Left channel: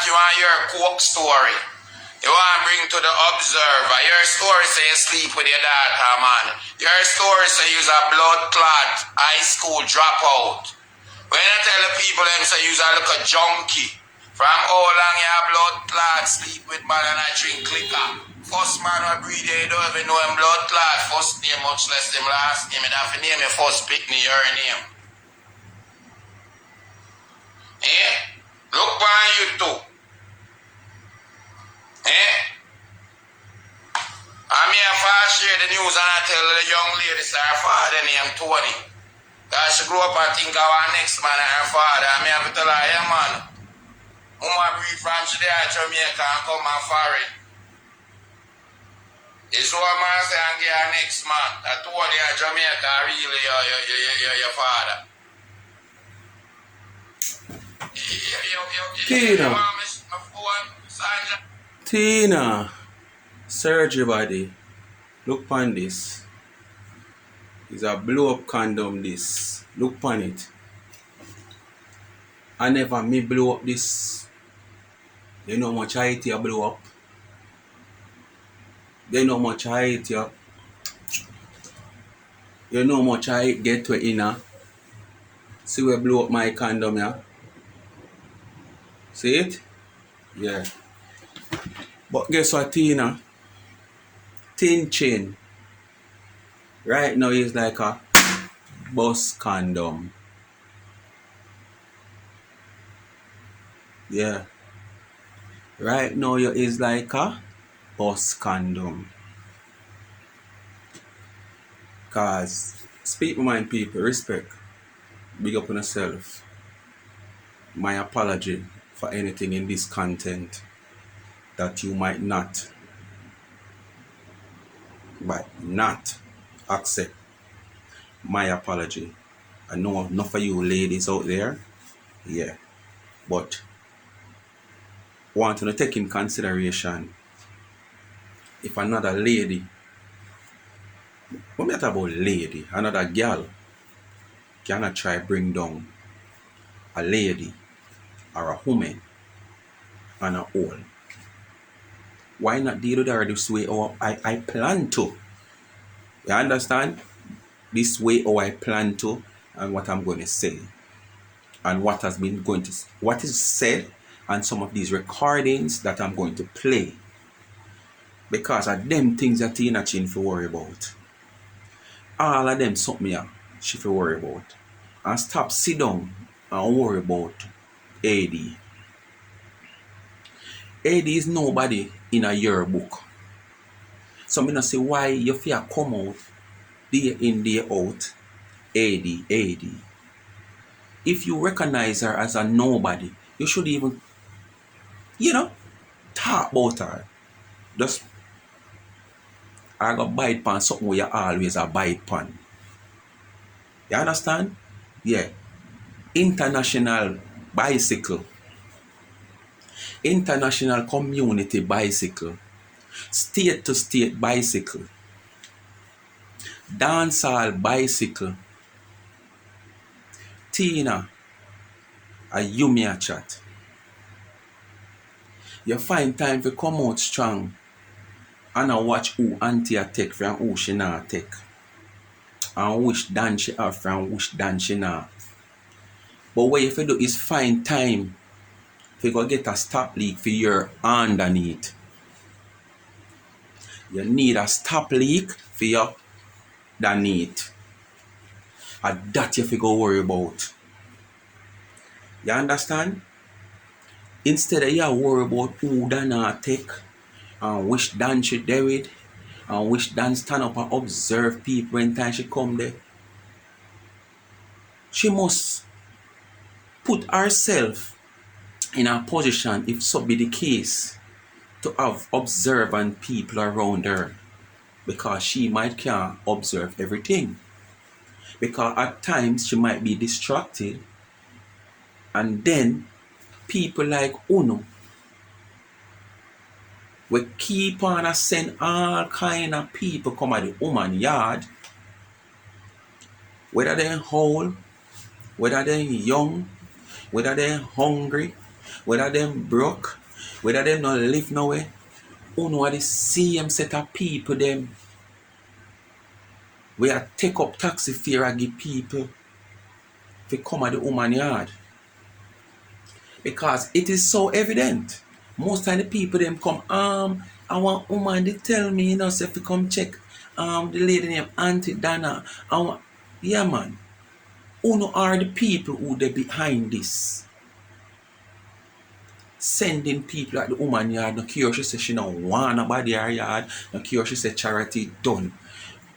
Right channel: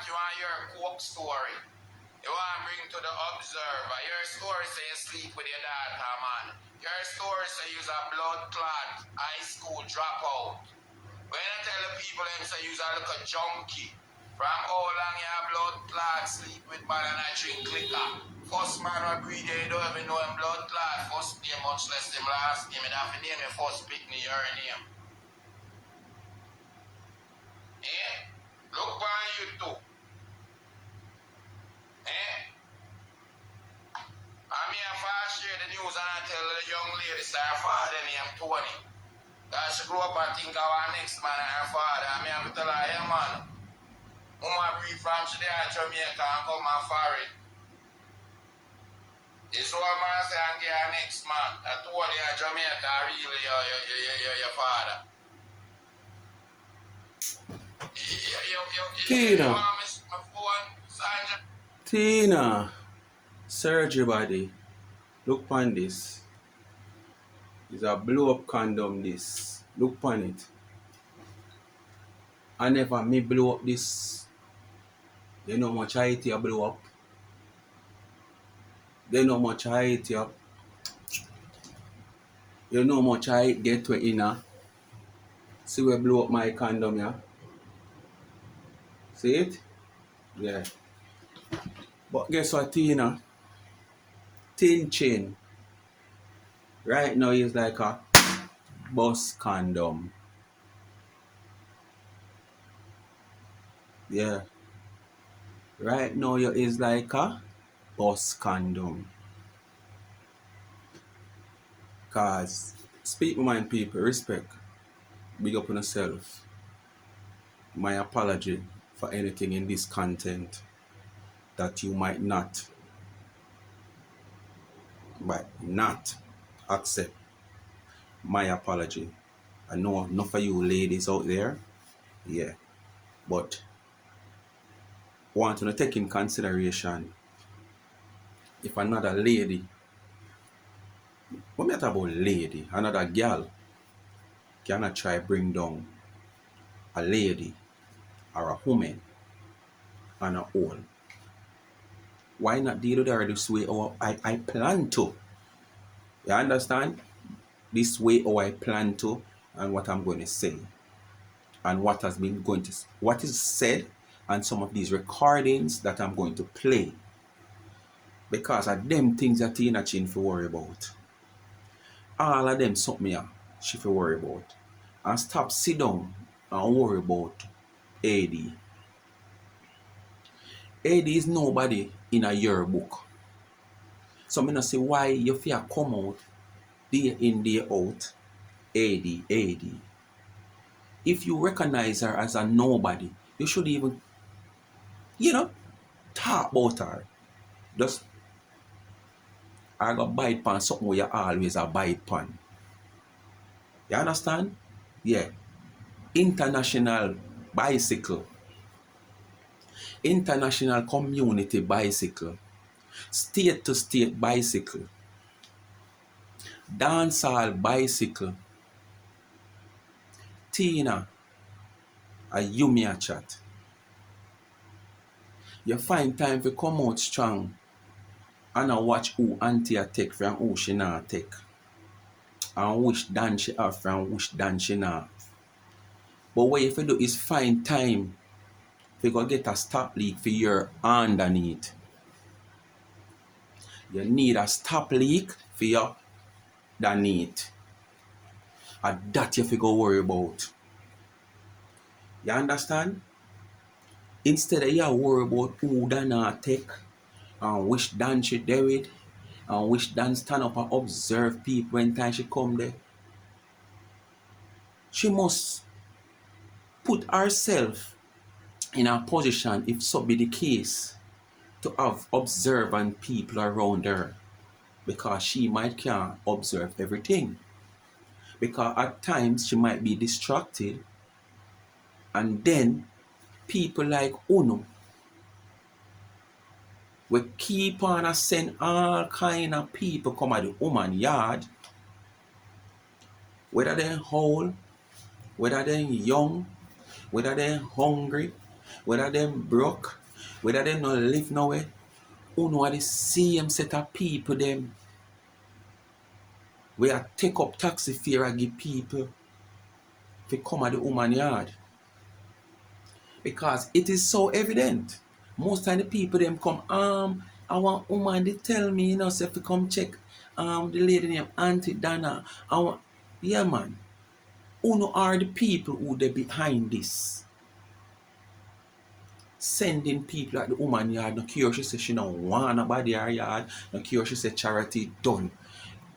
what you want your coke story. You want to bring to the observer. Your story say you sleep with your daughter, man. Your story say you's a blood clot, high school dropout. When I tell the people them say you's a little junkie. From how long you have blood clot, sleep with man and I drink liquor. First man will breathe you don't even know him blood clot. First name much less him last name. And have to name your first pitney your name. Eh? Look on you too. Eh? I'm here fast share the news and I tell the young lady say her father named Tony. That she grew up and think of her next man and her father. I'm here to tell her, yeah man, Mama breed from today Jamaica and come and foreign. It's what man say and get her next man. That Tony and Jamaica really your father. Tina, surgery body, look upon this. It's a blow up condom this. Look upon it. I never me blow up this. You know how much height you blow up. You know how much height you know how much height get to inner. See where blow up my condom, yeah? See it? Yeah. But guess what, Tina? Thin chin. Right now is like a bus condom. Yeah. Right now you is like a bus condom. Cause speak my mind people, respect. Big up on yourself. My apology for anything in this content that you might not accept. My apology. I know enough of you ladies out there, yeah, but want to take in consideration if another lady, what me talk about lady, another girl cannot try bring down a lady or a woman on a own. Why not deal with her this way or I plan to? You understand? This way or I plan to and what I'm going to say. And what has been what is said and some of these recordings that I'm going to play. Because of them things that Tina Chin for worry about. All of them something she for worry about. And stop sit down and worry about AD. AD is nobody in a yearbook. So I'm gonna say why you fear come out day in, day out, AD. If you recognize her as a nobody, you should even, talk about her. Just I go bite pan something where you always a bite pan. You understand? Yeah. International bicycle. International community bicycle. State to state bicycle. Dancehall bicycle. Tina, a you me a chat. You find time to come out strong and I watch who auntie a take from who she not take. And which dan she have from which dan she not. But what you have to do is find time to go get a stop leak for your underneath. You need a stop leak for your underneath. And that you have to go worry about. You understand? Instead of you worry about who Dan take and which Dan she do it and which Dan stand up and observe people when time she come there. She must put herself in a position, if so be the case, to have observant people around her. Because she might can't observe everything. Because at times she might be distracted. And then people like Uno we keep on send all kind of people come at the woman yard. Whether they're old, whether they're young, whether they're hungry, whether them broke, whether them not live nowhere, uno are the same set of people them we are take up taxi fare and give people to come at the woman yard. Because it is so evident. Most of the people them come, I want woman they tell me, say if you come check the lady named Auntie Dana. Yeah man. Uno are the people who they behind this. Sending people at the woman yard, no care she say she don't want nobody her yard, no care she say charity done.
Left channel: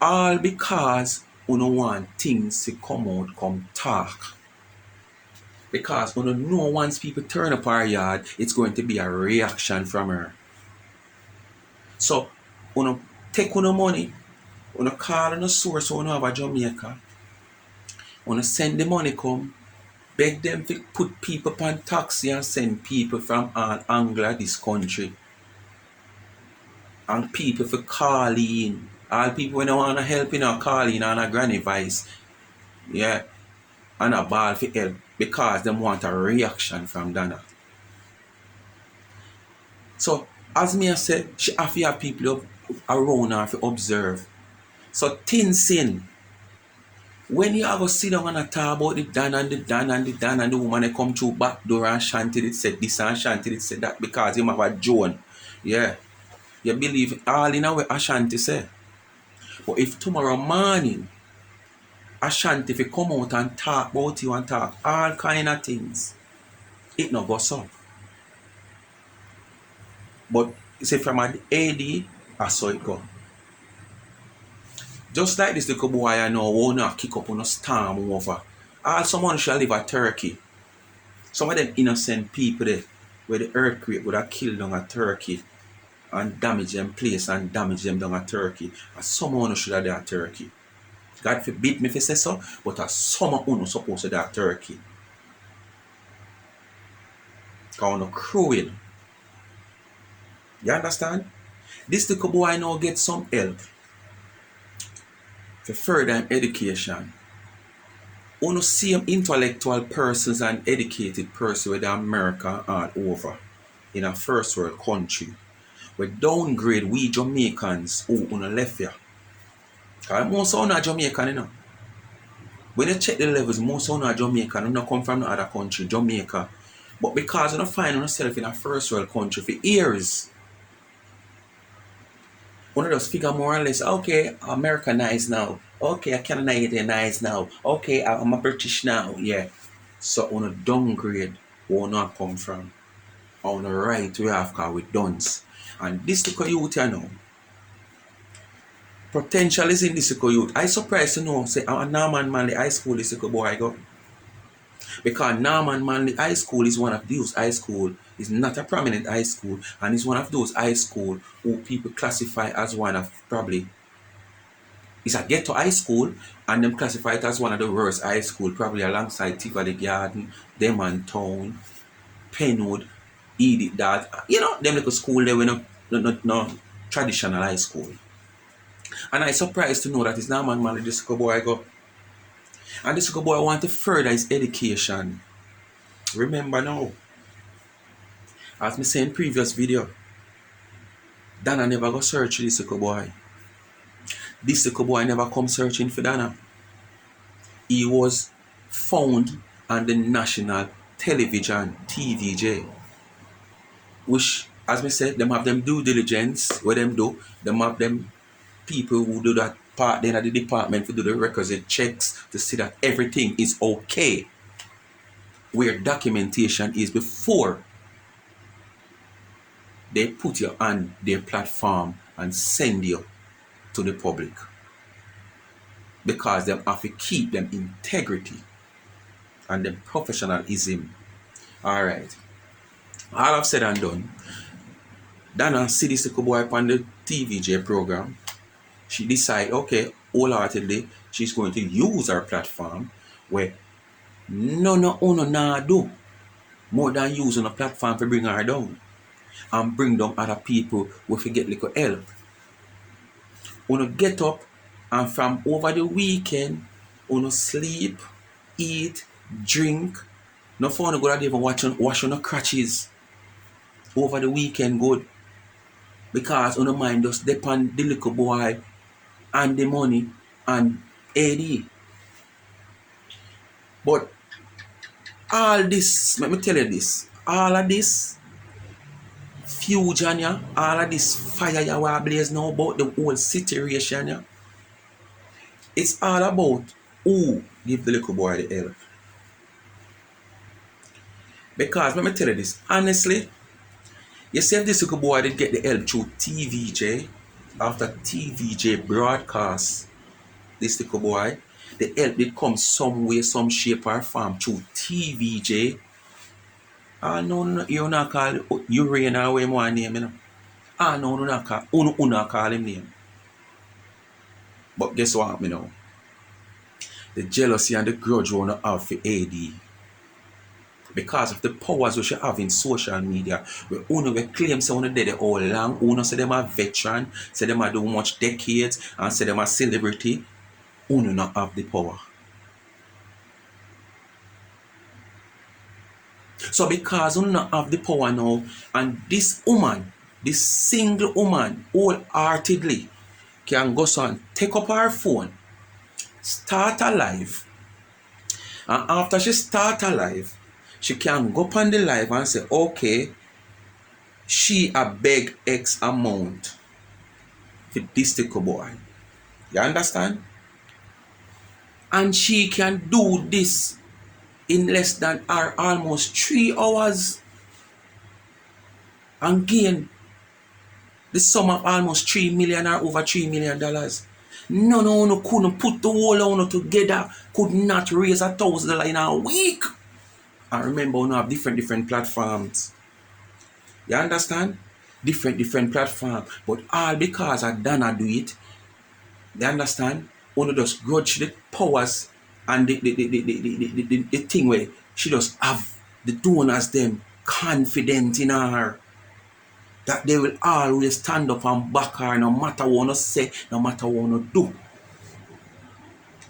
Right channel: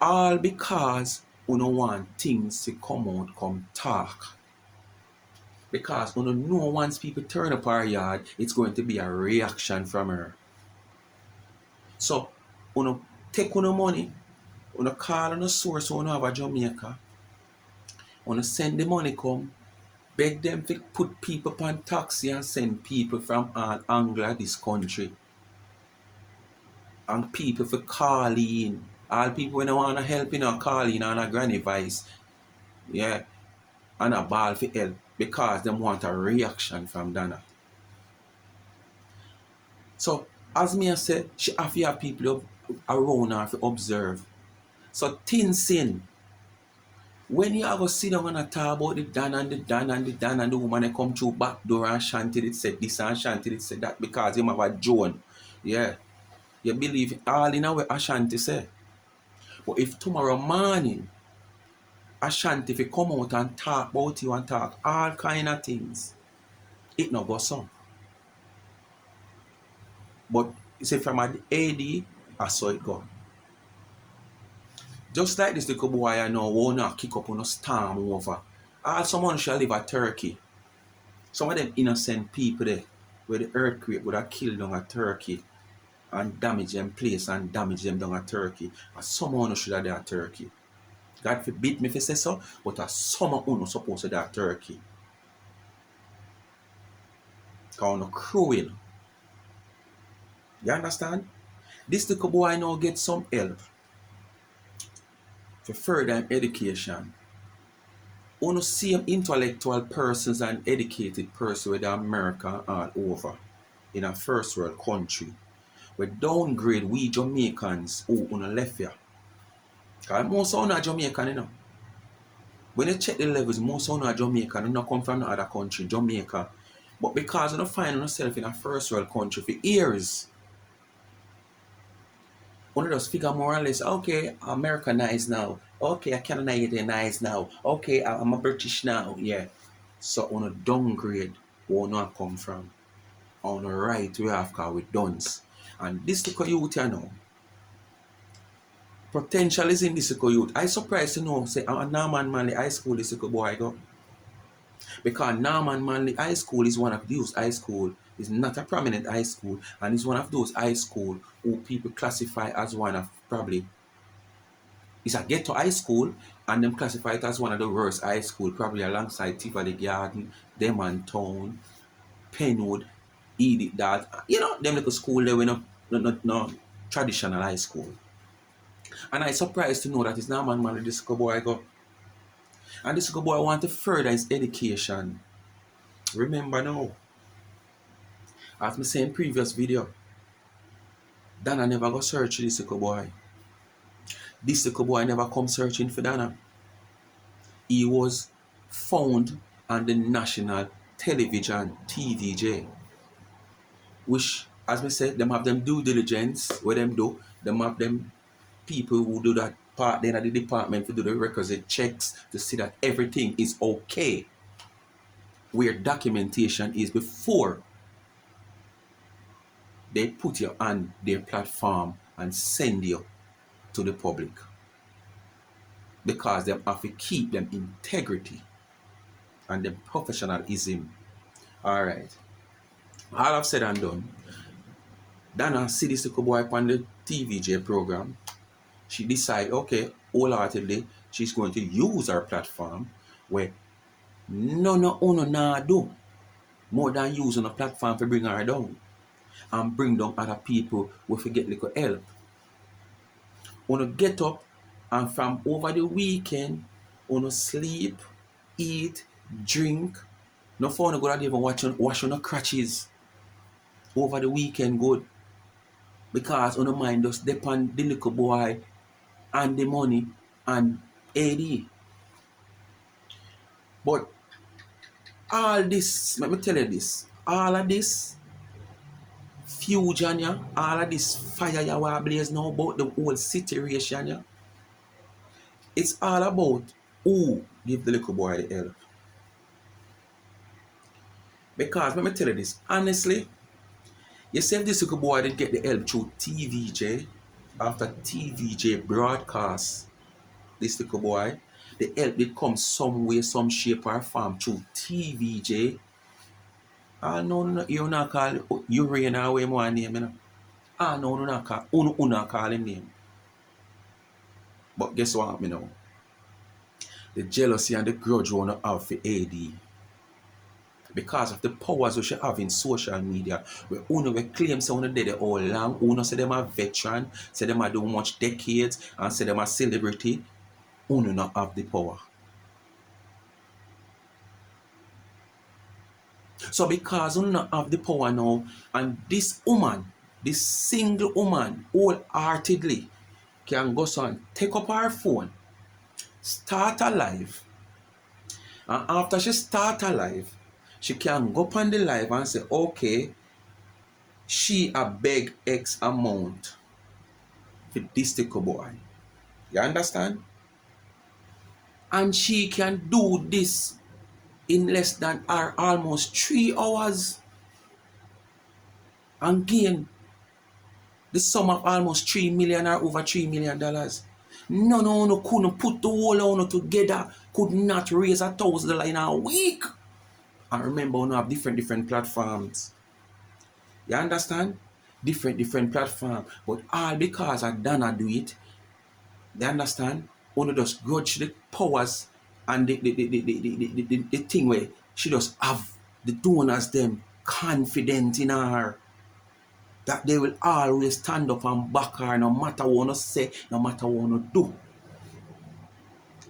All because uno want things to come out, come talk. Because uno know once people turn up our yard, it's going to be a reaction from her. So uno take uno money, uno call on a source uno have a Jamaica, uno send the money come, beg them to put people on taxi and send people from all angles of this country. And people for call in. All people when they want to help call in on a granny voice. Yeah. And a ball for help. Because they want a reaction from Dana. So as me I say, she have to have people around her to observe. So thin sin. When you ever sit down and talk about the Dan and the Dan and the Dan and the woman they come through back door and shanty it said this and shanty it said that because him have a Joan. Yeah. You believe all in a way Ashanti say. But if tomorrow morning Ashanti if you come out and talk about you and talk all kind of things, it not goes up. But say from an AD, I saw it go. Just like this little boy I know won't not kick up on a storm over. All someone shall live at Turkey. Some of them innocent people there where the earthquake would have killed down a Turkey and damage them place and damage them down a Turkey. And someone should have that Turkey. God forbid me if you say so, but a summer uno supposed to that Turkey. Because uno cruel. You understand? This little boy now get some help for further education. Uno see intellectual persons and educated persons with America all over in a first world country. We downgrade we Jamaicans who uno left here. Because most of them are Jamaican, you know. When you check the levels, most of them are Jamaican, you not come from no other country, Jamaica. But because you don't find yourself in a first world country for years, one of those figure more or less, okay, Americanized now. Okay, I Canadianized now. Okay, I'm a British now. Yeah. So on a downgrade, where not come from. On the right we have car with duns. And this little youth you know. Potential is in this little youth. I surprised to know, say, Norman Manley High School this little boy go. Because Norman Manley High School is one of those high school. It's not a prominent high school. And it's one of those high school who people classify as one of probably. It's a ghetto high school. And them classify it as one of the worst high school. Probably alongside Tivoli Garden, Demon Town, Penwood, Edith Dad. You know, them little school there with no traditional high school. And I'm surprised to know that it's Norman Manley this little boy go. And this little boy want to further his education. Remember now, as me say in previous video, Dana never go search this little boy. This little boy never come searching for Dana. He was found on the national television, TVJ. Which, as me said, them have them due diligence, what them do, them have them people who do that part then at the department to do the requisite checks to see that everything is okay. Where documentation is before they put you on their platform and send you to the public. Because they have to keep them integrity and them professionalism. Alright. All I've said and done. Dana see this little boy on the TVJ program. She decide, okay, wholeheartedly, she's going to use her platform where none of uno nah do more than using a platform to bring her down and bring down other people who forget little help. Uno get up and from over the weekend, uno sleep, eat, drink, No phone go out even wash on the crutches over the weekend good. Because on the mind just depend the little boy and the money and AD. But all this, let me tell you this, all of this fusion, yeah, all of this fire you are blaze now about the whole situation, yeah, it's all about who give the little boy the help. Because let me tell you this, honestly, you see if this little boy did get the help through TVJ, after TVJ broadcast this little boy, the help did come some way, some shape or form through TVJ. Ah, no, you not call Urane or what more name, you know. Ah, no, you not call, you not call him name. But guess what, you know? The jealousy and the grudge you wanna have for AD. Because of the powers we should have in social media, we claim say una dead all long, una say them a veteran, say them a do much decades, and say them a celebrity, una not have the power. So because una not have the power now, and this woman, this single woman, wholeheartedly can go so and take up her phone, start a live, and after she start a live, she can go up on the live and say, okay, she a beg X amount for this little boy. You understand? And she can do this in less than or almost 3 hours and gain the sum of almost 3 million or over $3 million. No, couldn't put the whole on together, could not raise $1,000 in a week. And remember, we have different platforms. You understand? Different platforms. But all because of Dana do it, you understand? Only just grudge the powers and the thing where she just have the donors them confident in her that they will always stand up and back her no matter what you say, no matter what you do.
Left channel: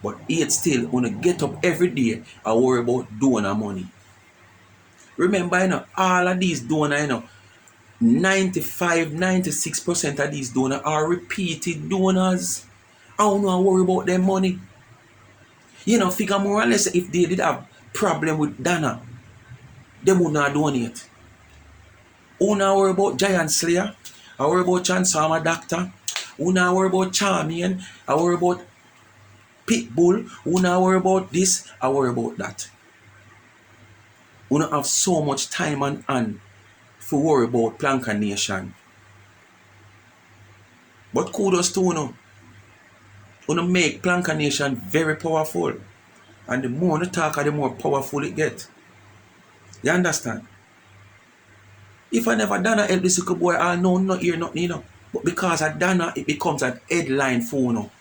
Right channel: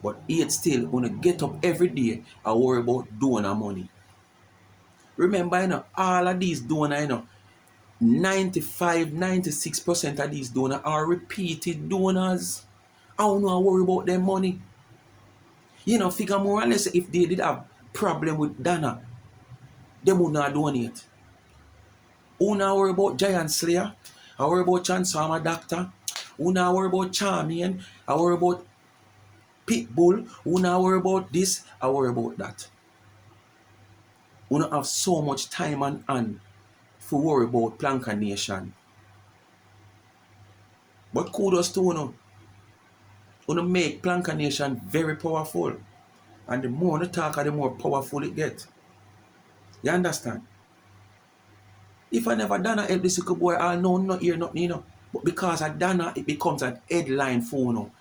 But yet still wanna get up every day and worry about donor money. Remember, you know, all of these donors, you know, 96% of these donors are repeated donors. I don't know worry about their money. You know, figure more or less if they did have problem with Dana, they would not donate. Who not worry about Giant Slayer? I worry about Transformer Doctor. Who not worry about Charmian? I worry about Pitbull. Who not worry about this? I worry about that. We don't have so much time and for worry about Planka Nation. But kudos to you. You make Planka Nation very powerful. And the more you talk, the more powerful it gets. You understand? If I never done a help this little boy, I know not hear nothing, you know. But because I done it becomes an headline for you know.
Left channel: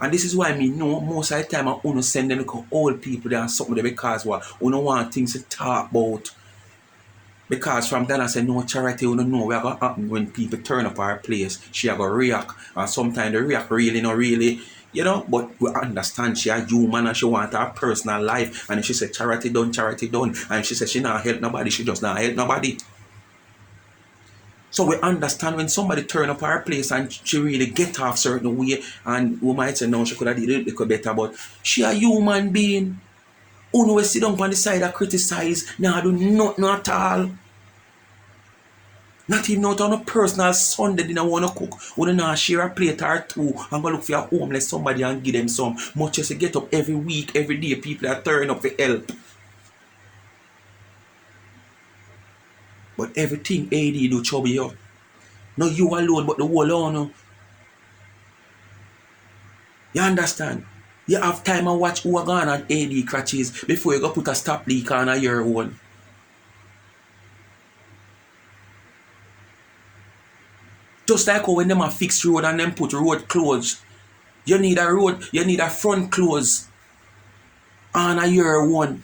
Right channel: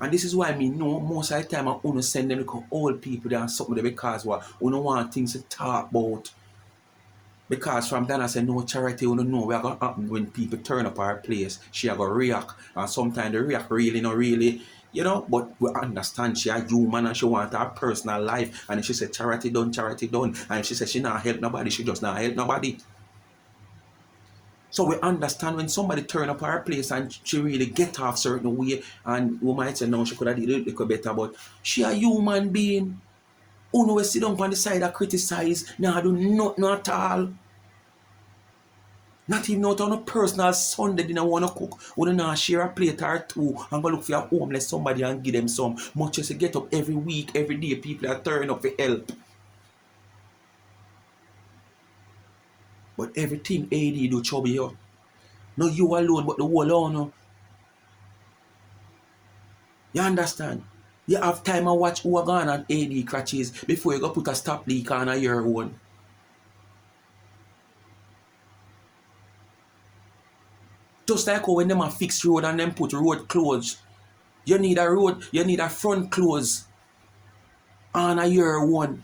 And this is why me know most of the time I want to send them little old people there and something there because what you don't want things to talk about. Because from then I say no charity, you don't know what going to happen when people turn up our place. She are going to react. And sometimes they react really, not really, you know. But we understand she a human and she want her personal life. And if she say charity done. And if she say she not help nobody, she just not help nobody. So we understand when somebody turn up our place and she really get off certain way. And we might say no, she could have did it a little better. But she a human being. Who know sit down on the side and criticize. Nah, do nothing at all. Not even out on a personal Sunday dinner want to cook. Want to share a plate or two and go look for a homeless somebody and give them some. Much as you get up every week, every day, people are turning up for help. But everything AD do trouble you. Not you alone, but the whole on. You understand? You have time and watch who are gone on AD crutches before you go put a stop leak on your own. Just like how when them a fix road and them put road closed. You need a front close on your one.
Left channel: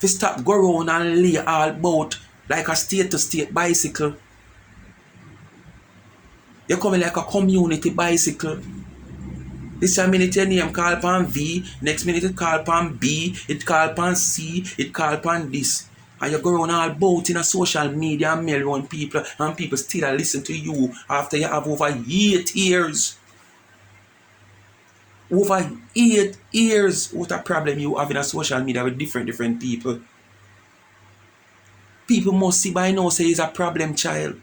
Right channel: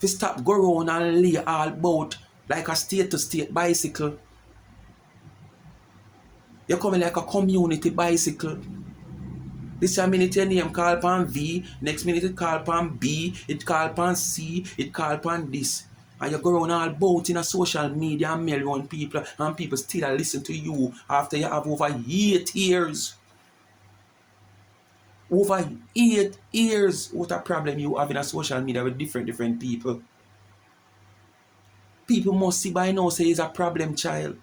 To stop go around and lay all about like a state-to-state bicycle. You're coming like a community bicycle. This a minute your name call upon V, next minute it call upon B, it call upon C, it call upon this. And you go around all about in a social media and mail around people, and people still listen to you after you have over 8 years. Over 8 years. What a problem you have in a social media with different people. People must see by now say it's a problem child.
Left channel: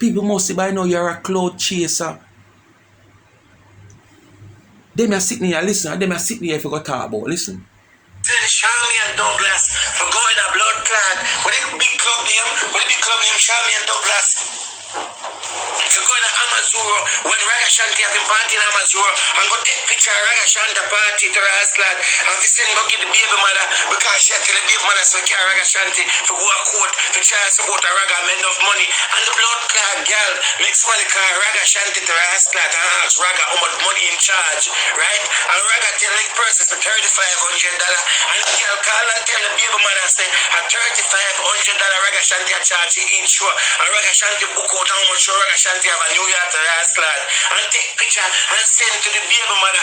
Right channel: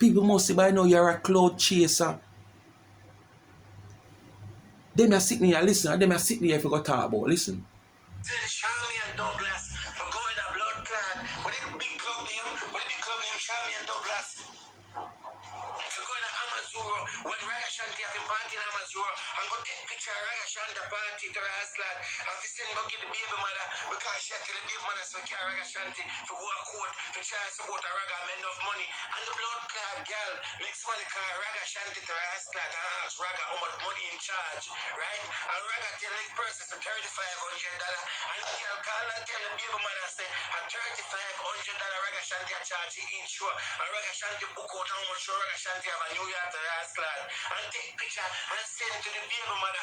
People must see by now you're a cloud chaser. Them are sitting here, listen, them are sitting here if you go talk about, listen. Shammy and Douglas for going a blood clot. What the big club name Shammy and Douglas. For going to Amazuro when Raga Shanti have been party in Amazuro and go take picture of Raga Shanta party to her house lad and we send go get the baby mother because she had tell the baby mother so carry Raga Shanti for go a court for try to support a Raga make enough money and the blood clot girl makes money call Raga Shanti to her house lad and ask Raga how much money in charge, right? And Raga tell the person for $3,500 and the girl call and tell the baby mother say a $3,500 Raga Shanti a charge he insure and Raga Shanti book out how much Raga Shanti have a New York to her house lad and take picture and send to the baby mother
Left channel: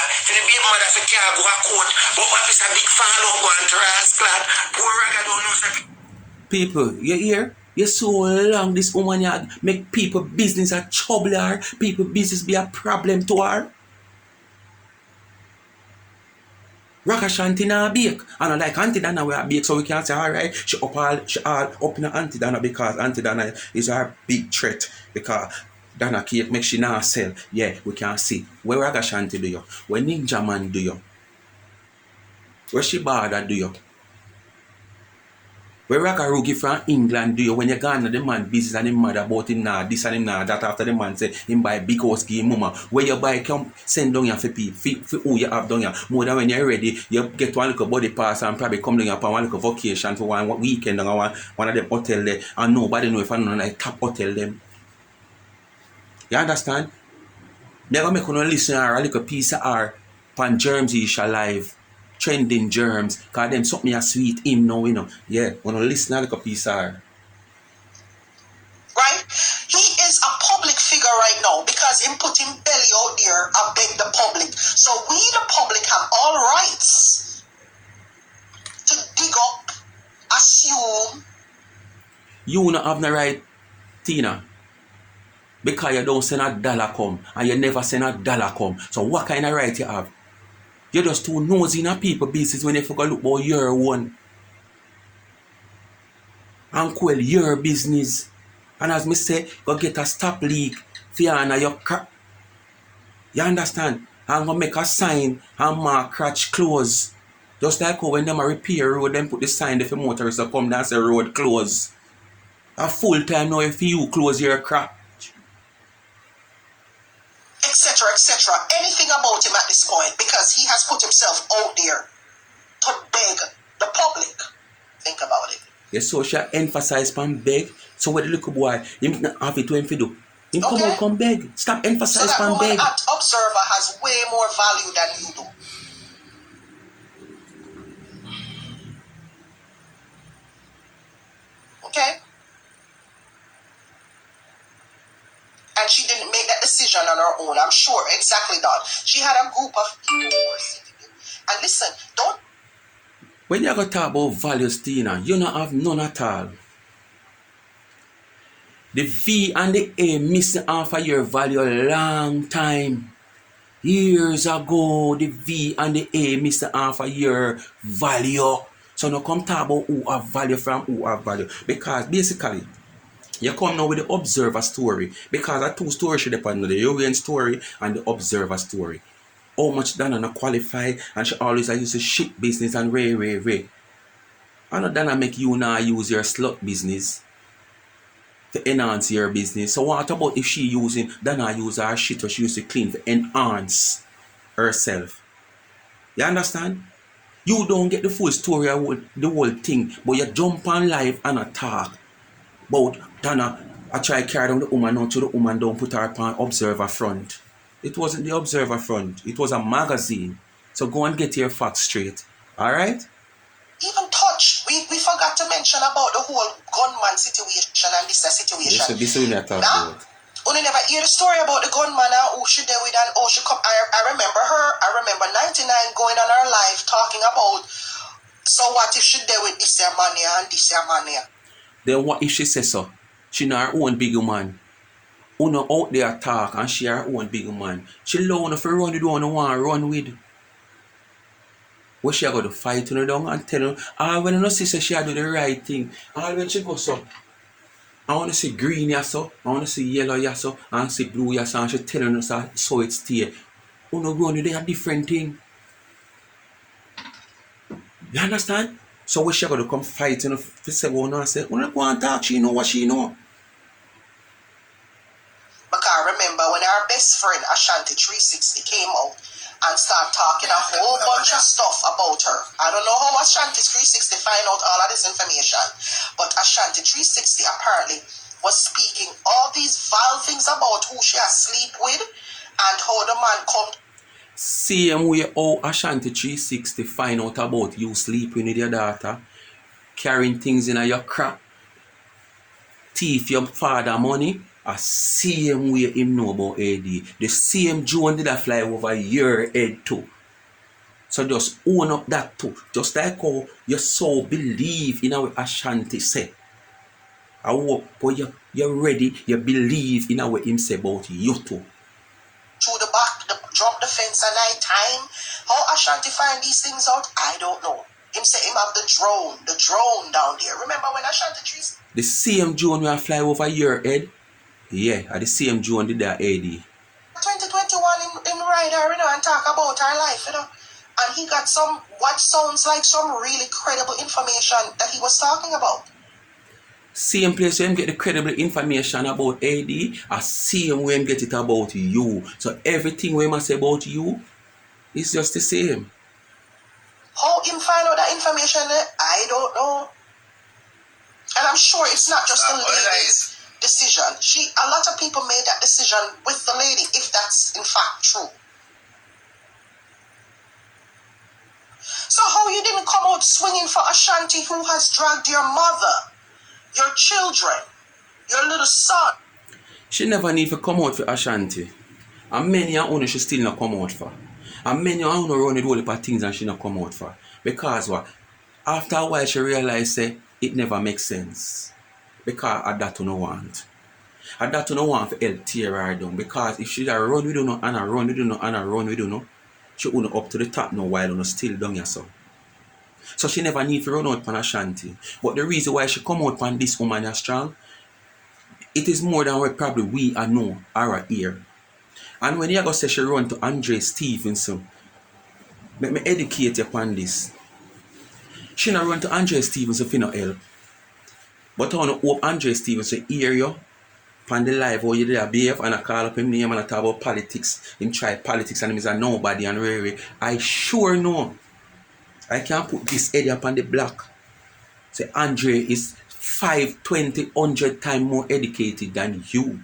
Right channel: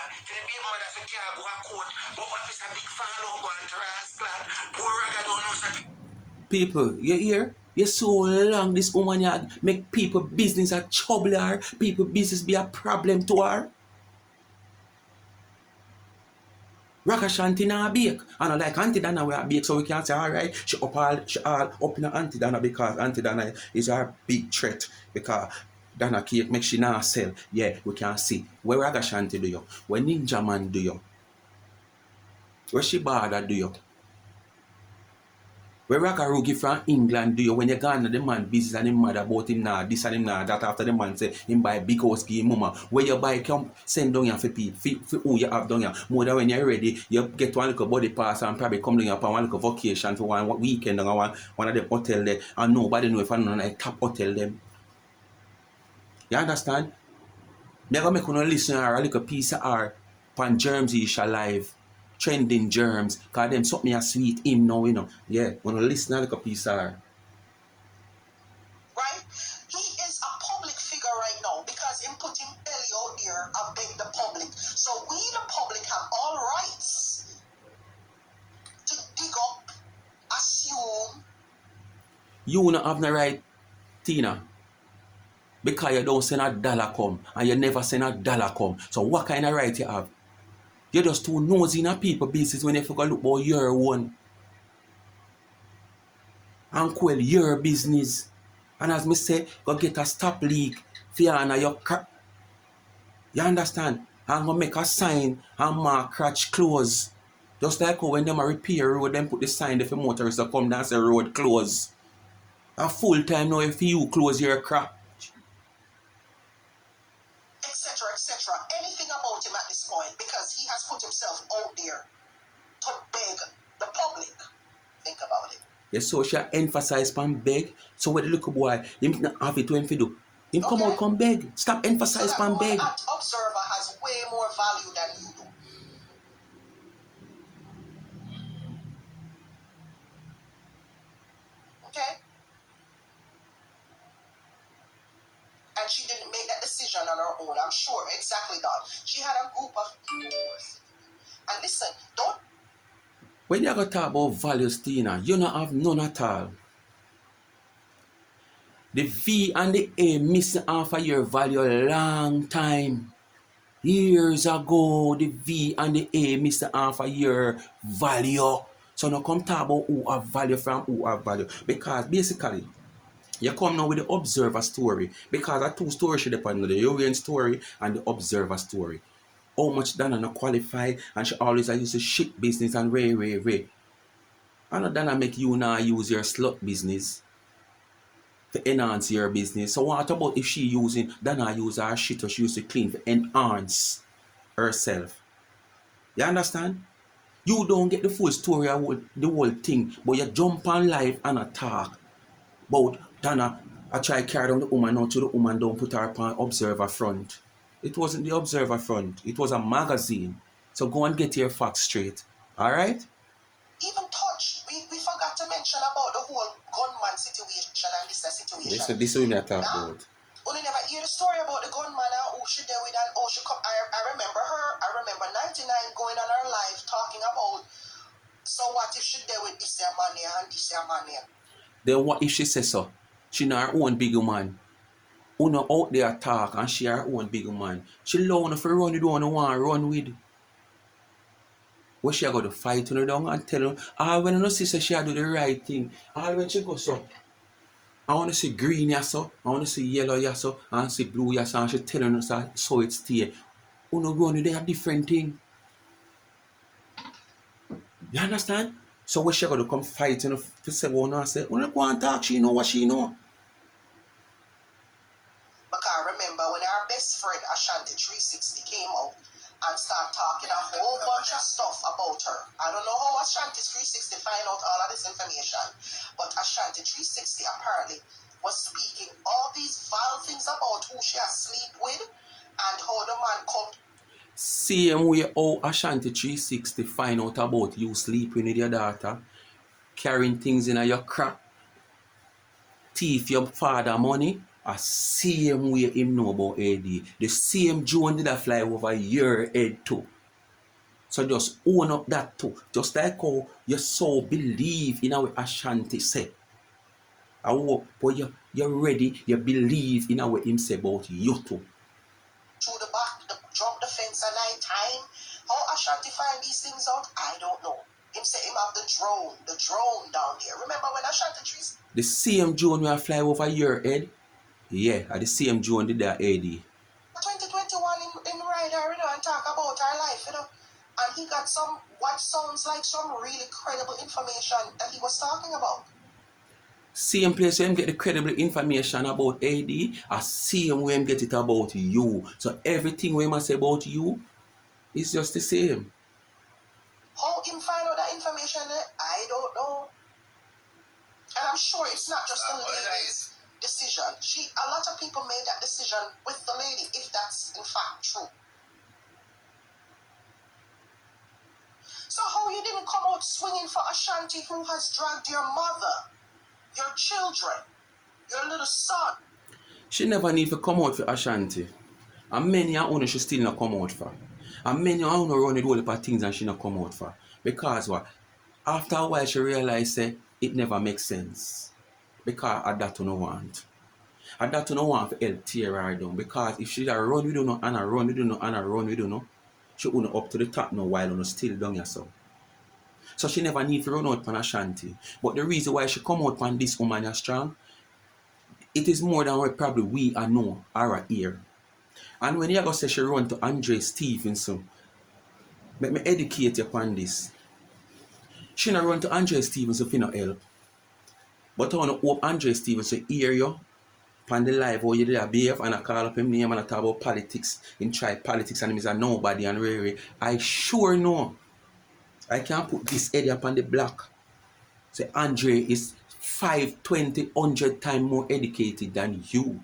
for care go a court but what is a big follow up going to her house lad poor Raga don't know so People, you hear? You're so long this woman had make people business a trouble her, people business be a problem to her. Raga Shanti na bake. And I like Auntie Dana we are bake, so we can say, alright, she all up in Auntie Dana because Auntie Dana is our big threat. Because Dana cake make she not sell. Yeah, we can see. Where Raga Shanti do you? Where Ninja Man do you? Where Shibada do you? Where Raga Rugi from England do you? When you gone to the man business and him mad about him now, this and him now, that after the man say him buy big house give him mama. Where you buy come send down here for people, for who you have down here. More than when you're ready, you get one little body pass and probably come down here for one little vacation for one weekend and one of them hotel there. And nobody know if I know like top hotel them. You understand? Never make one listen or a little piece of art pan germs ish alive. Trending germs, cause them something a sweet him now, you know. Yeah, wanna listen a little piece of art. Right? He is a public figure right now because him put him belly out there and beg the public. So we the public have all rights to dig up, assume. You not have no right, Tina. Because you don't send a dollar come and you never send a dollar come. So what kind of right you have? You're just too nosy in a people business when you forgot look about your one. And quell your business. And as me say, go get a stop leak for you and your crap. You understand? I'm gonna make a sign and mark crutch close. Just like how when them a repair road, them put the sign there for motorists to come down and say road close. A full time now if you close your crap. Etc., etc. Anything about him at this point because he has put himself out there to beg the public. Think about it. Yes, so she emphasize pan beg. So what the little boy, him have it to him to do. Him come out, come beg. Stop emphasize so pan beg. That observer has way more value than you do. Okay? And she didn't make that decision on her own. I'm sure, exactly that. She had a group of people who were sitting there. And listen, don't... When you go talk about values, Tina, you don't have none at all. The V and the A missing off of your value a long time. Years ago, the V and the A missing off of your value. So now come talk about who have value from who have value. Because basically, you come now with the observer story. Because there are two stories should depend on the European story and the observer story. How much Dana not qualify and she always used to shit business and ray. I know Dana make you now use your slut business to enhance your business. So what about if she using Dana use her shit or she used to clean to enhance herself? You understand? You don't get the full story of the whole thing, but you jump on live and attack. But Dana, I try to carry down the woman now to the woman don't put her upon observer front. It wasn't the observer front. It was a magazine. So go and get your facts straight. Alright? Even touch. We forgot to mention about the whole gunman situation and this situation. This is what I talk about. Only never hear the story about the gunman and who she did with and how she come. I remember her. I remember 99 going on her live talking about, so what if she did with this man here and this man here? Then what if she says so? She not her own big man. Uno out there talk and she her own big man. She love enough to run with the one who want to run with. What she got to fight her down and tell her, when you know she say she do the right thing. When she go so, I want to see green ya so, I want to see yellow ya so, and see blue ya so, and she telling us so it stay. Uno run with a different thing. You understand? So what she got to come fight and say, well, no, say, uno go and talk, she know what she know. Because I remember when our best friend Ashanti 360 came out and started talking a whole bunch of stuff about her. I don't know how Ashanti 360 find out all of this information, but Ashanti 360 apparently was speaking all these vile things about who she has sleep with and how the man come. Same way how Ashanti 360 find out about you sleeping with your daughter, carrying things in your crap, thief your father money, a same way him know about AD. The same drone did a fly over your head too. So just own up that too. Just like how you so believe in what Ashanti say. I hope but you're ready, you believe in what him say about you too. Through the back, jump the fence at night time. How Ashanti find these things out, I don't know. Him say him have the drone down there. Remember when Ashanti trees? The same drone will fly over your head. Yeah, the same drone did that AD. 2021 in ride her, and talk about her life, And he got some what sounds like some really credible information that he was talking about. Same place where him get the credible information about AD, same way him get it about you. So everything we must say about you is just the same. How him find out that information, I don't know. And I'm sure it's not just the lady's decision. A lot of people made that decision with the lady, if that's in fact true. So how you didn't come out swinging for Ashanti, who has dragged your mother, your children, your little son? She never need to come out for Ashanti. And many of you she still not come out for. And many of you run with all the things and she not come out for. Because what? After a while she realized it never makes sense. Because I that no want. I that no want for help tear her down. Because if she run with you and I run with you and I run with you, she won't up to the top no while and still down yourself. So she never need to run out on Ashanti. But the reason why she come out on this woman is strong, it is more than what probably we know or hear. And when you go say she run to Andre Stevenson, let me educate you upon this. She not run to Andre Stevenson for no help. But I want to hope Andre Stevenson hear you on the live how you did a behave and I call up him name and I talk about politics. Him try politics and him is a nobody and really. I sure know. I can put this area upon the block. Say Andre is 5, 20, 100 times more educated than you.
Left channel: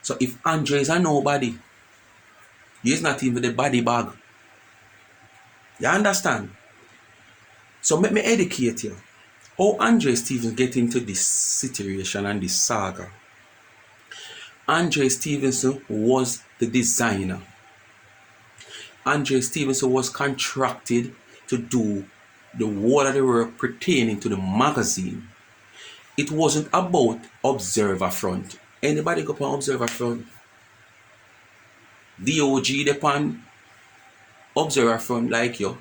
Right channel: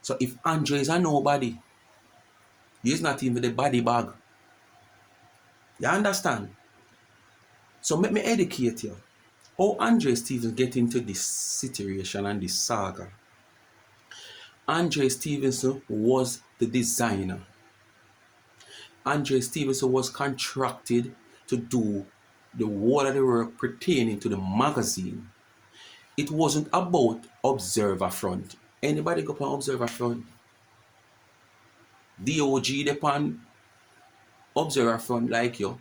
So if Andre is a nobody, he is not even the body bag. You understand? So let me educate you. How Andre Stevenson get into this situation and this saga. Andre Stevenson was the designer. Andre Stevenson was contracted to do the whole of the work pertaining to the magazine. It wasn't about Observer Front. Anybody go on Observer Front? DOG depend Observer Front like you.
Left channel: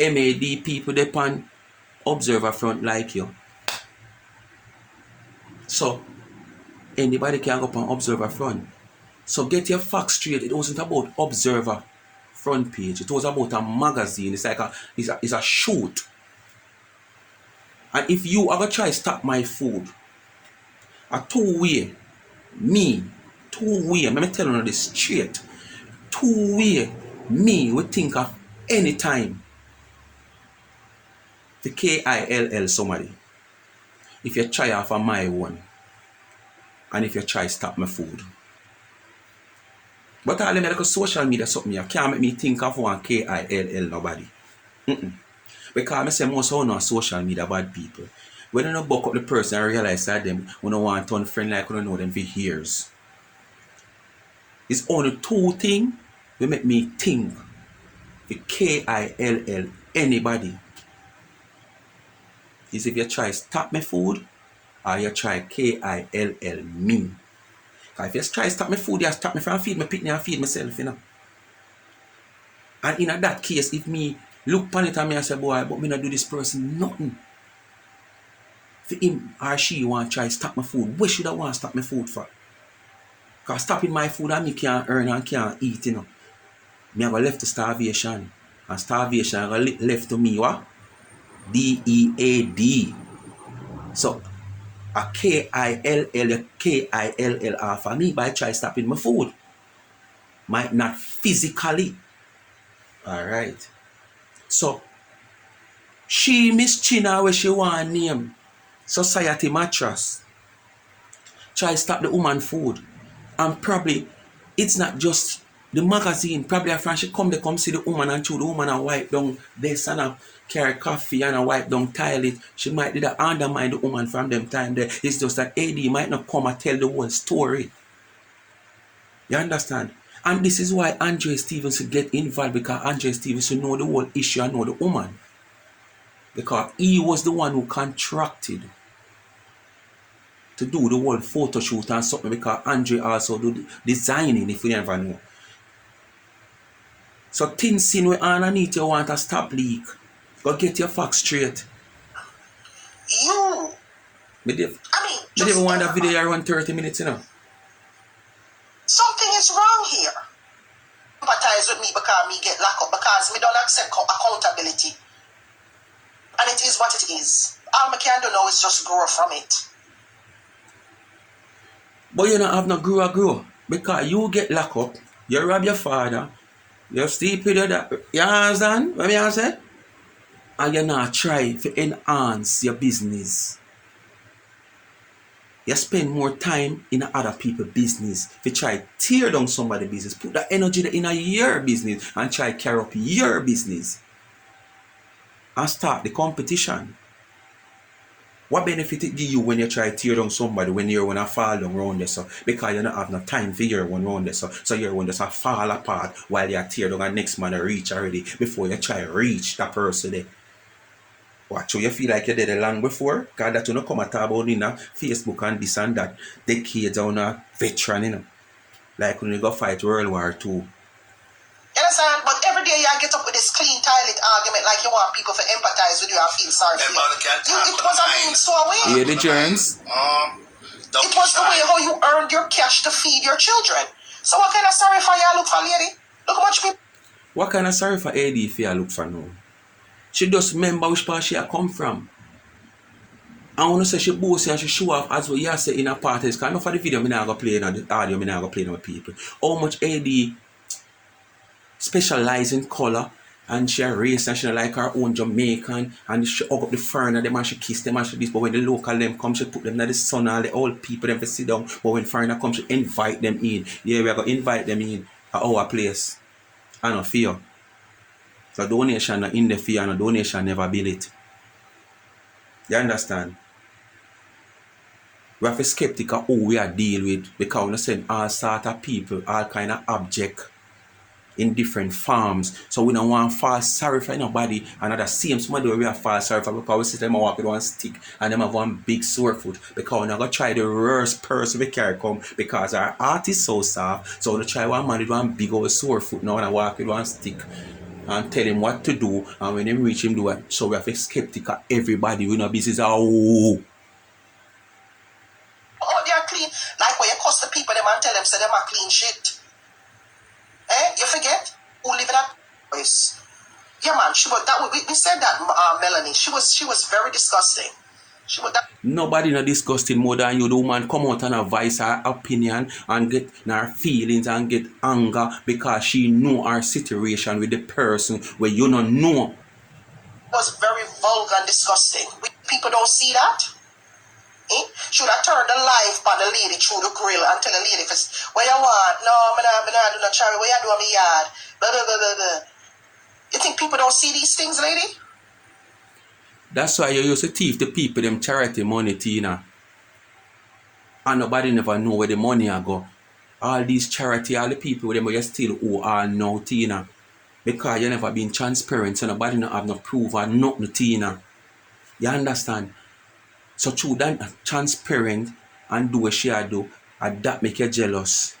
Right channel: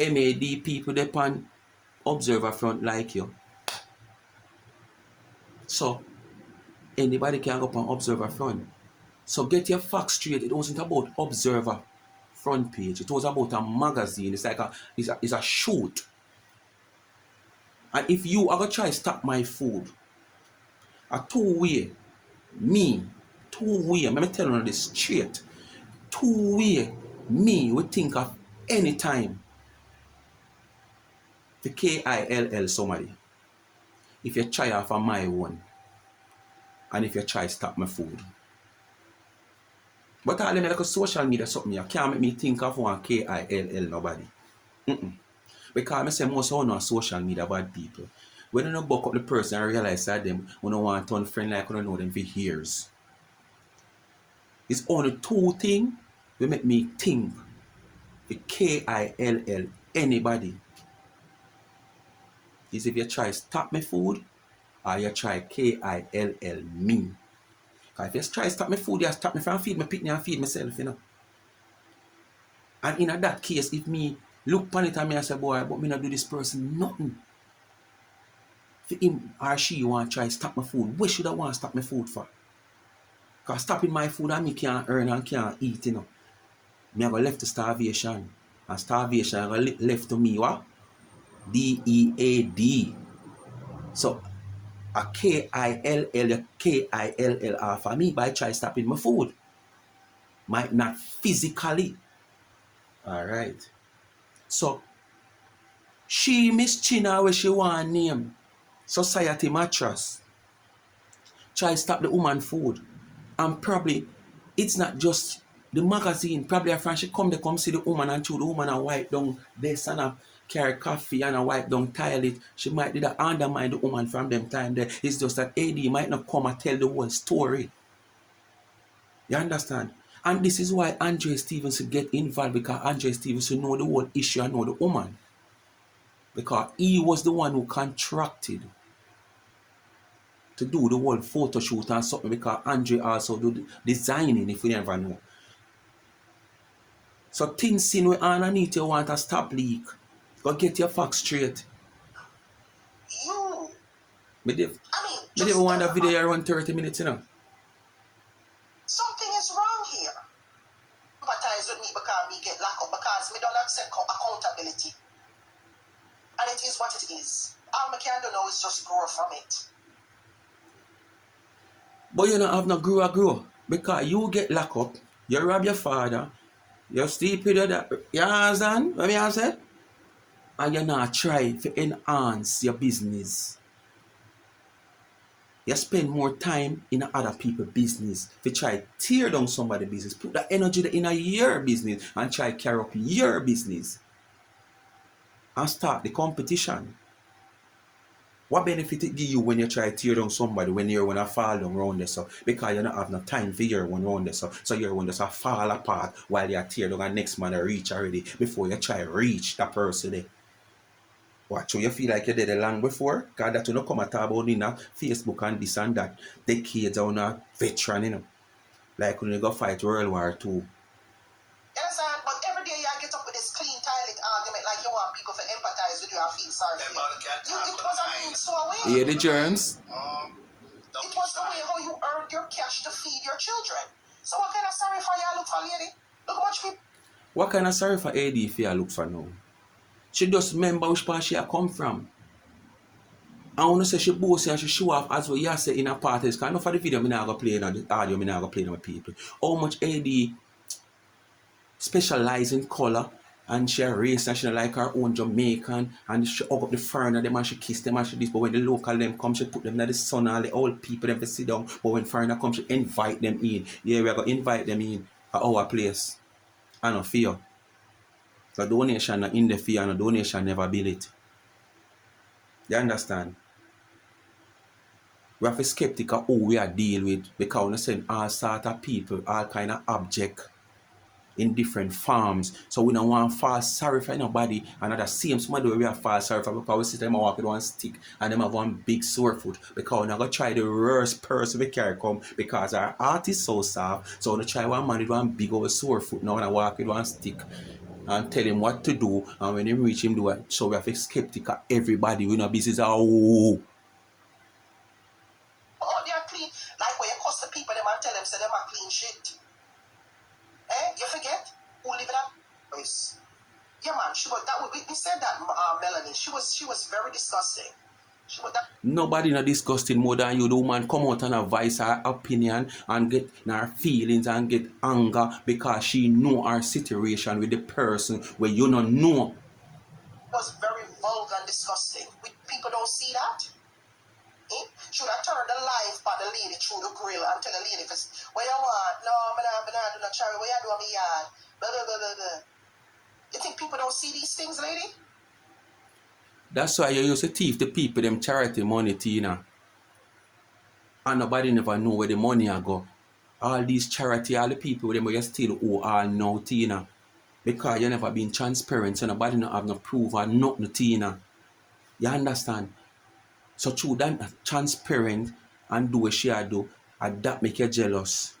MAD people depend Observer Front like you. So anybody can go on Observer Front. So get your facts straight. It wasn't about Observer Front page. It was about a magazine. It's like it's a shoot. And if you ever try to stop my food, a two-way, let me tell you this straight. Two-way, me would think of any time the KILL somebody. If you try off of my one, and if you try to stop my food. But all them like a social media something, you can't make me think of one KILL nobody. Because I say most of them are social media bad people. When you buck up the person and realize that them, we don't want to unfriend like we don't know them for years. It's only two things will make me think the KILL anybody. Is if you try stop my food or you try KILL me. If you try stop my food, you stop me from feed my picnic and feed myself, you know. And in that case, if me look upon it and me and say, boy, but me not do this person nothing. For him or she want to try stop my food, what should I want to stop my food for? Because stopping my food and me can't earn and can't eat, you know. Me have left to starvation. And starvation have left to me what? DEAD. So a KILL for me by try stopping my food. Might not physically. Alright. So she Miss China where she want name. Society mattress. Try stop the woman food. And probably it's not just the magazine. Probably after she come, they come see the woman and chew the woman and wipe down this and a carry coffee and a wipe down toilet. She might did undermine the woman from them time there. It's just that AD might not come and tell the whole story. You understand? And this is why Andre Stevenson get involved, because Andre Stevenson know the whole issue and know the woman. Because he was the one who contracted to do the whole photo shoot and something, because Andre also do the designing, if you never know. So things seen where underneath you want to stop leak. Go get your facts straight. You. Me never want that video around 30 minutes, you know. Something is wrong here. Empathize with me because me get locked up, because me don't accept accountability. And it is what it is. All me can do now is just grow from it. But you don't have no grow. Because you get locked up, you rob your father, you sleep with your dad. You understand what I say? And you not try to enhance your business. You spend more time in other people's business. If you try to tear down somebody's business, put that energy in your business and try to carry up your business. And start the competition. What benefit it give you when you try to tear down somebody when you're going to fall down around there? So, because you don't have no time for your one around there. So your one just fall apart while you tear down and next man reach already before you try to reach that person there. Watch, you feel like you did it long before? Because that you don't come and talk about in Facebook and this and that. Decades on a veteran, you know. Like when you go fight World War II. You understand? But every day you get up with this clean toilet argument like you want people to empathize with you and feel sorry for you. It was a means to a way. Hear the germs? It was the way how you earned your cash to feed your children. So what kind of sorry for you look for, lady? Look how much people... What kind of sorry for AD if you look for now? She just remember which part she come from. I want to say she boast and she show off as well. You say in a parties. Because enough of the video I'm not going to play and the audio I'm not going to play with people. How much AD specialize in color, and she race and she like her own Jamaican, and she hug up the foreigner them and she kiss them and she this. But when the local them come, she put them in the sun, all the old people them to sit down. But when foreigner come, she invite them in. Yeah, we're going to invite them in at our place. I don't fear. So donation in the fear and donation never build it. You understand? We have to be skeptical of who we are dealing with, because we send all sort of people, all kind of objects in different forms. So we don't want to fall sorry for nobody. And at the same time, we have fall sorry for, because we see them walk with one stick and them have one big sore foot. Because we're not going to try the worst person we carry come, because our art is so soft. So we try one man with one big old sore foot now and walk with one stick and tell him what to do, and when they reach him do it. So we have to be skeptical. Everybody we know business oh, they're clean. Like when you cuss the people them and tell them say them are clean shit. You forget who live in that place. Yeah, man. She was that. We said that. Melanie. She was very disgusting. She was that. Nobody not disgusting more than you. The woman come out and advise her opinion and get her feelings and get anger because she know her situation with the person where you don't know. It was very vulgar and disgusting. People don't see that. Should I turn the life on the lady through the grill and tell the lady, what you want? No, I'm not doing a cherry. What you do on my yard? Blah, blah, blah, blah, blah. You think people don't see these things, lady? That's why you used to thief the people them charity money, Tina. And nobody never know where the money a go. All these charity, all the people with them you still owe all now, Tina. Because you never been transparent, so nobody no have no proof or nothing, Tina. You understand? So through that transparent and do what she do, and that make you jealous.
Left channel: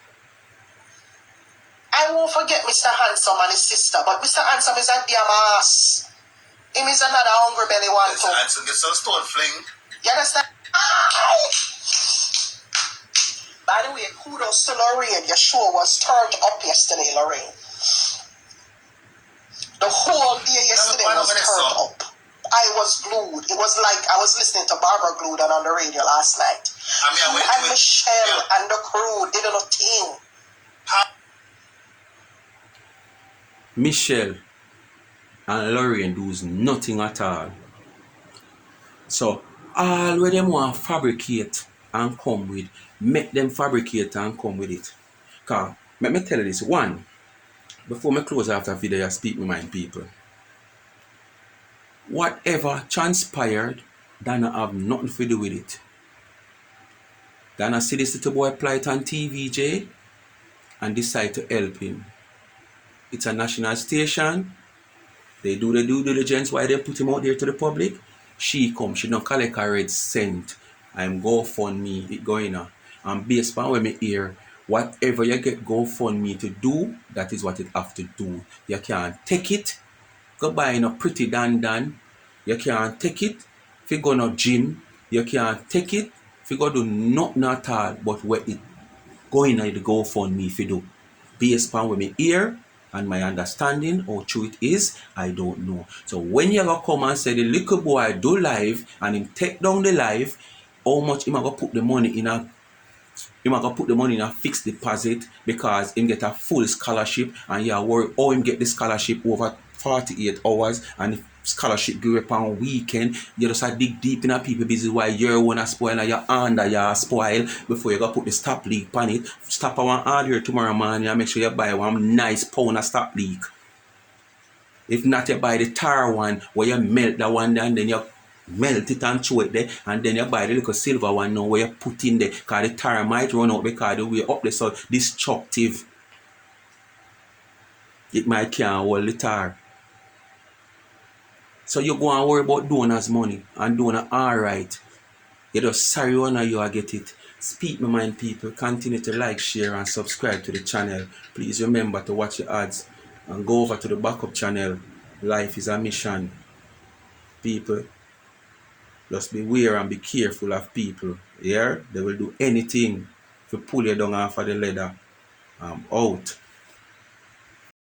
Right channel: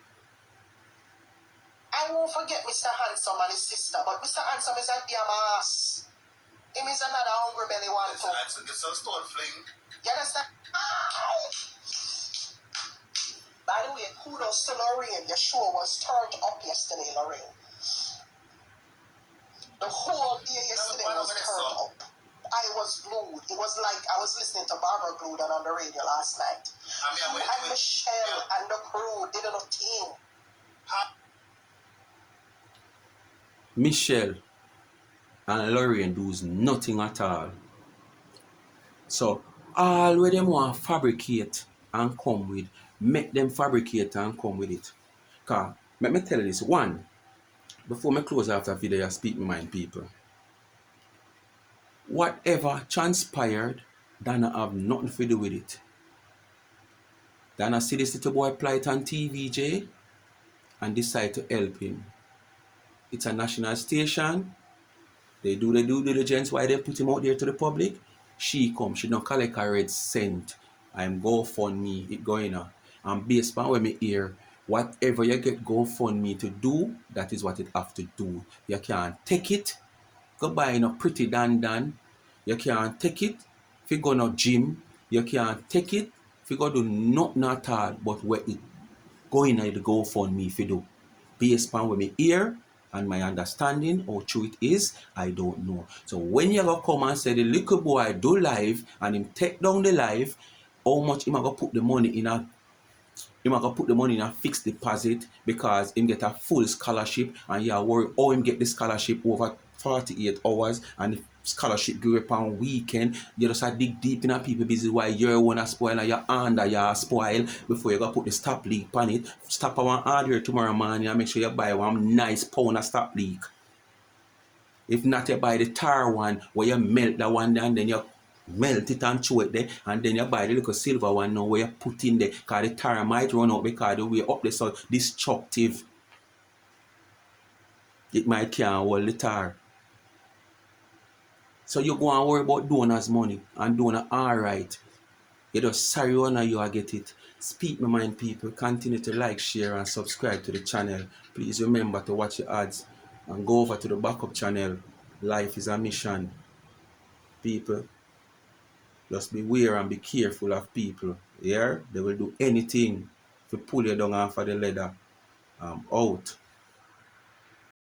I won't forget Mr. Handsome and his sister, but Mr. Handsome is a damn ass. Him is another hungry belly one too. Handsome gets some stone fling. You understand? By the way, kudos to Lorraine. Your show was turned up yesterday, Lorraine. The whole day yesterday was turned up. I was glued. It was like I was listening to Barbara Glued on the radio last night. And Michelle and the crew did a thing. Michelle and Lorraine does nothing at all. So all where them want fabricate and come with, make them fabricate and come with it. Cause let me tell you this. One, before me close after video, I speak my mind, people. Whatever transpired, Dana have nothing to do with it. Dana see this little boy plight on TVJ and decide to help him. It's a national station. They do the due diligence why they put him out there to the public. She come, she don't collect a red cent. I'm GoFundMe, it going on. And based on what me hear, whatever you get GoFundMe to do, that is what it have to do. You can't take it, go buy no pretty dan. You can't take it if you go no gym. You can't take it if you go do nothing at all but where it going on the GoFundMe if you do. Based on what me hear and my understanding how true it is, I don't know. So when you go come and say the little boy do live and him take down the live, how much him go put the money in a fixed deposit because him get a full scholarship and you are worried how him get the scholarship over 48 hours and the scholarship go up on weekend. You just dig deep in a people busy why your one spoil and your under your spoil before you go put the stop leak on it. Stop I want order tomorrow morning and make sure you buy one nice pound of stop leak. If not, you buy the tar one where you melt that one and then you melt it and chew it there, and then you buy the little silver one now where you put in there because the tar might run out because the way up there so destructive. It might can't hold the tar. So you go and worry about donors' money and donor alright. You just sorry one of you will get it. Speak my mind, people. Continue to like, share and subscribe to the channel. Please remember to watch the ads and go over to the backup channel. Life is a mission. People, just beware and be careful of people. Yeah? They will do anything to pull you down off of the ladder. I'm out.